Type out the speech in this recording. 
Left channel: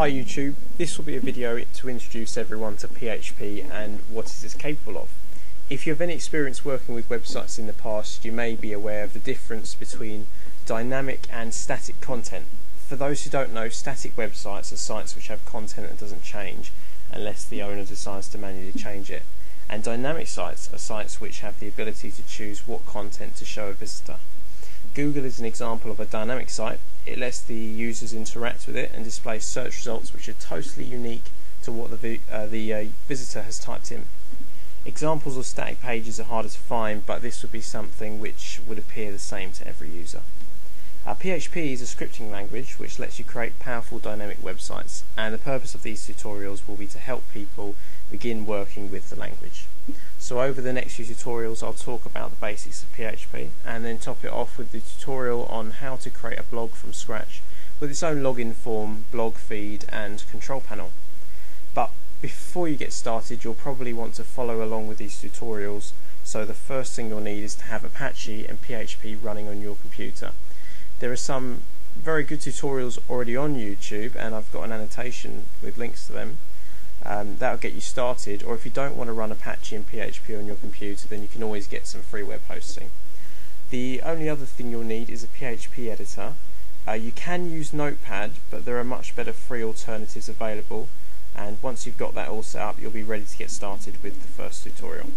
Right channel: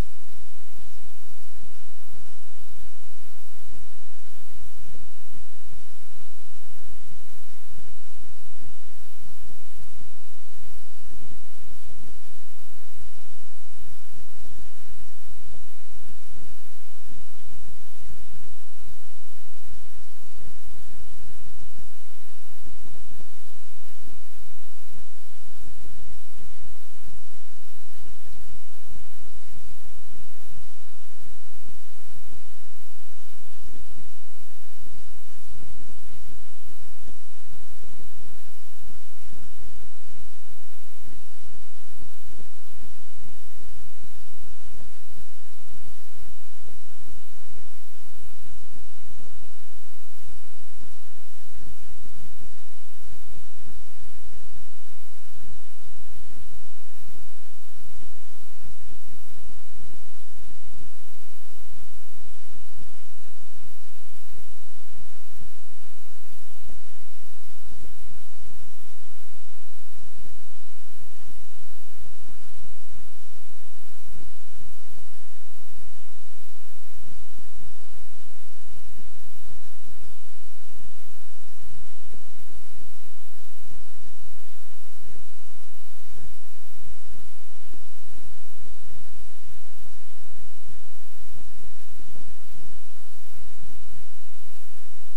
Hi YouTube, this will be a video to introduce everyone to PHP and what it is capable of. If you have any experience working with websites in the past, you may be aware of the difference between dynamic and static content. For those who don't know, static websites are sites which have content that doesn't change unless the owner decides to manually change it. And dynamic sites are sites which have the ability to choose what content to show a visitor. Google is an example of a dynamic site. It lets the users interact with it and displays search results which are totally unique to what the visitor has typed in. Examples of static pages are harder to find, but this would be something which would appear the same to every user. PHP is a scripting language which lets you create powerful dynamic websites, and the purpose of these tutorials will be to help people begin working with the language. So over the next few tutorials I'll talk about the basics of PHP and then top it off with the tutorial on how to create a blog from scratch with its own login form, blog feed and control panel. But before you get started, you'll probably want to follow along with these tutorials, so the first thing you'll need is to have Apache and PHP running on your computer. There are some very good tutorials already on YouTube and I've got an annotation with links to them. That'll get you started, or if you don't want to run Apache and PHP on your computer, then you can always get some free web hosting. The only other thing you'll need is a PHP editor. You can use Notepad, but there are much better free alternatives available, and once you've got that all set up, you'll be ready to get started with the first tutorial.